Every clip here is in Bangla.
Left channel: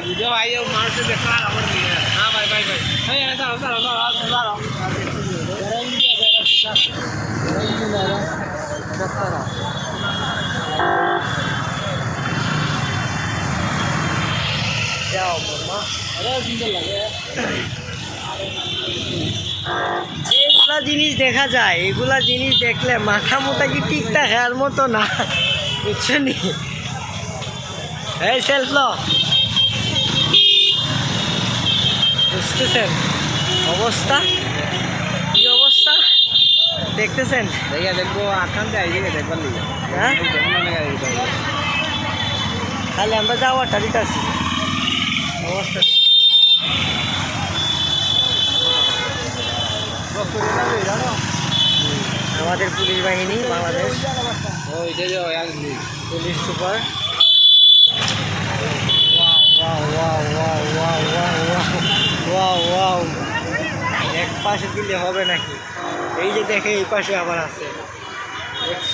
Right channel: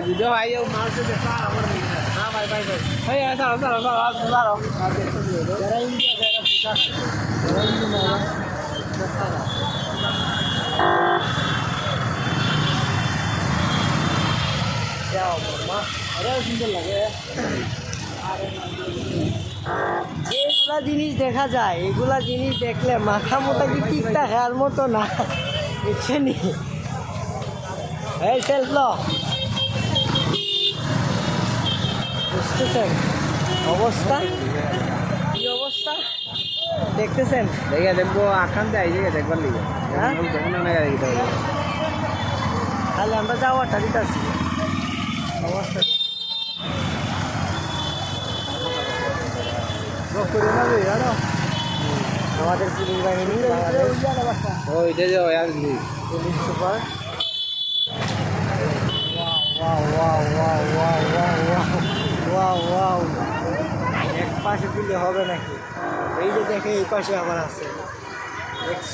video ayo mau se dekha amar nahi hai ha bhai bhai bhai hey aisa jara India jara pisa jara India jara daktara जाओ मम्मा अरे सुंदर लगे এগুলা জিনিস দেখা যায় এগুলা জিনিস দেখলে মাথা মোটা কি ঠিক থাকার মতো না বুঝছো নি এই সেলফ লো বুঝতেছেন অবস্থা কি অবস্থা দেখতেছেন দেখে দেখবো আসানতে আইবে দেখবার লিগে হ্যাঁ তাহলে আমরা যাওয়াটা দিতেছি অবস্থা আমাদের পুলিশ বাহিনী বাংলাদেশ পুলিশ সুপার ওয়াও এক পাশে দিলে হবে নাকি এই যে দেখে এই পাশে আবার আছে দেখছ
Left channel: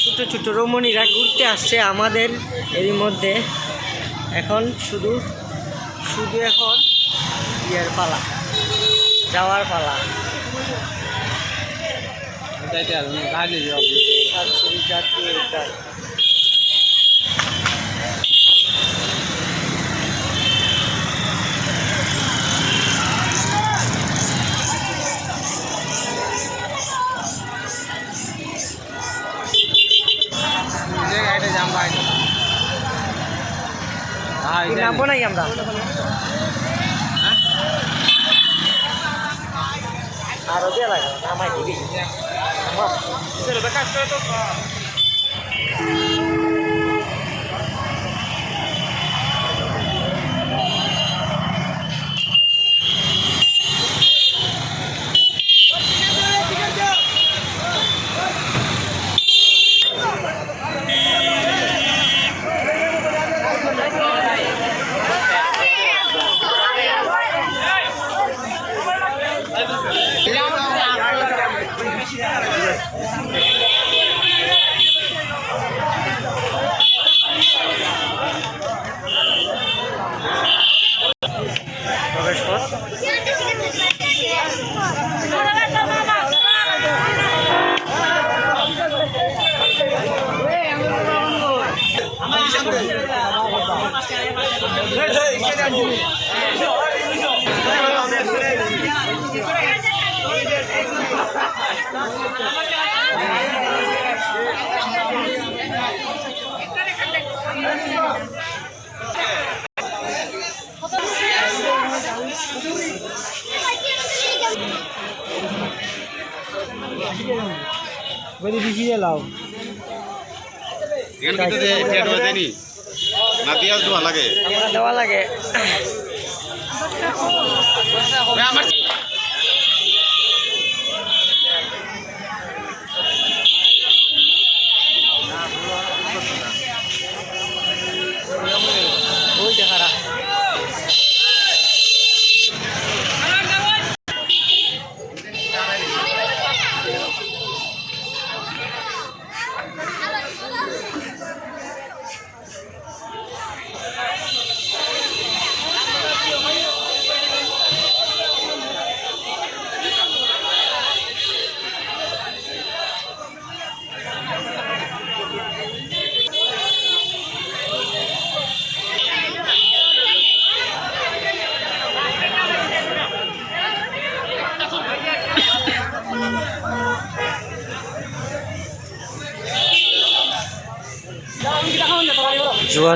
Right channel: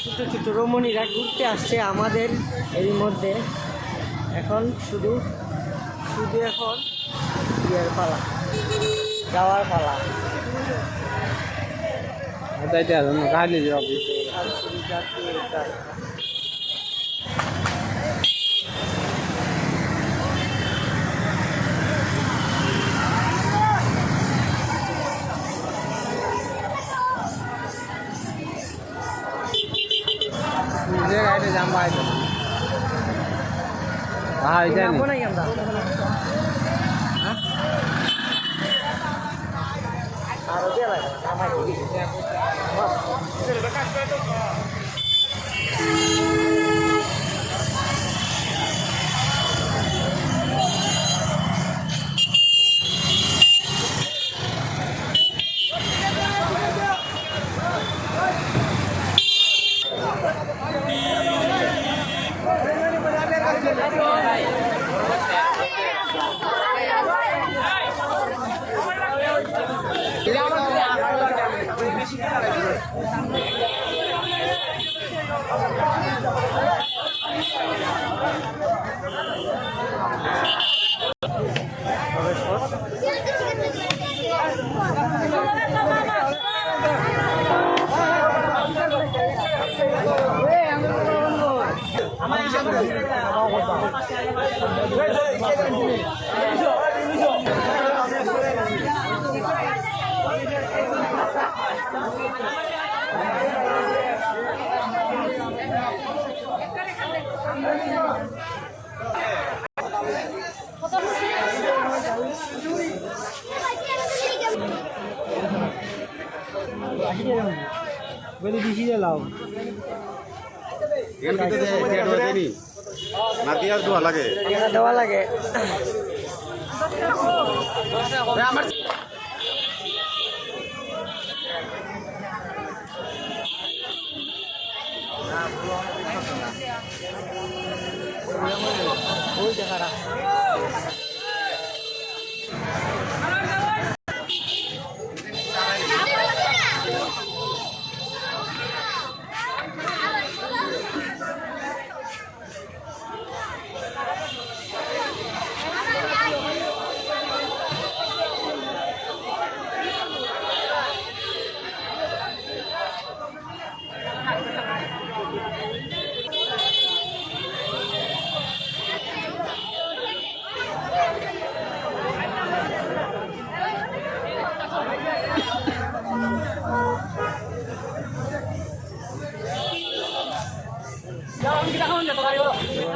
ছোট ছোট রমণীরা ঘুরতে আসছে আমাদের এরই মধ্যে এখন শুধু এখন ইয়ের পালা যাওয়ার পালা নামবো নাই আমরা আরো দিয়ে লাগা নামাই দিবি প্রবেশ পথ very busy allow এখানে কিন্তু পেট হয়ে দেনি না দিয়া দেওয়া লাগে আমার ওই দেখারা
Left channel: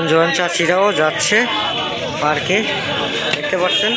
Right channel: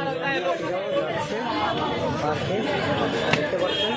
জোয়ান চাষিরাও যাচ্ছে পার্কে দেখতে পাচ্ছেন।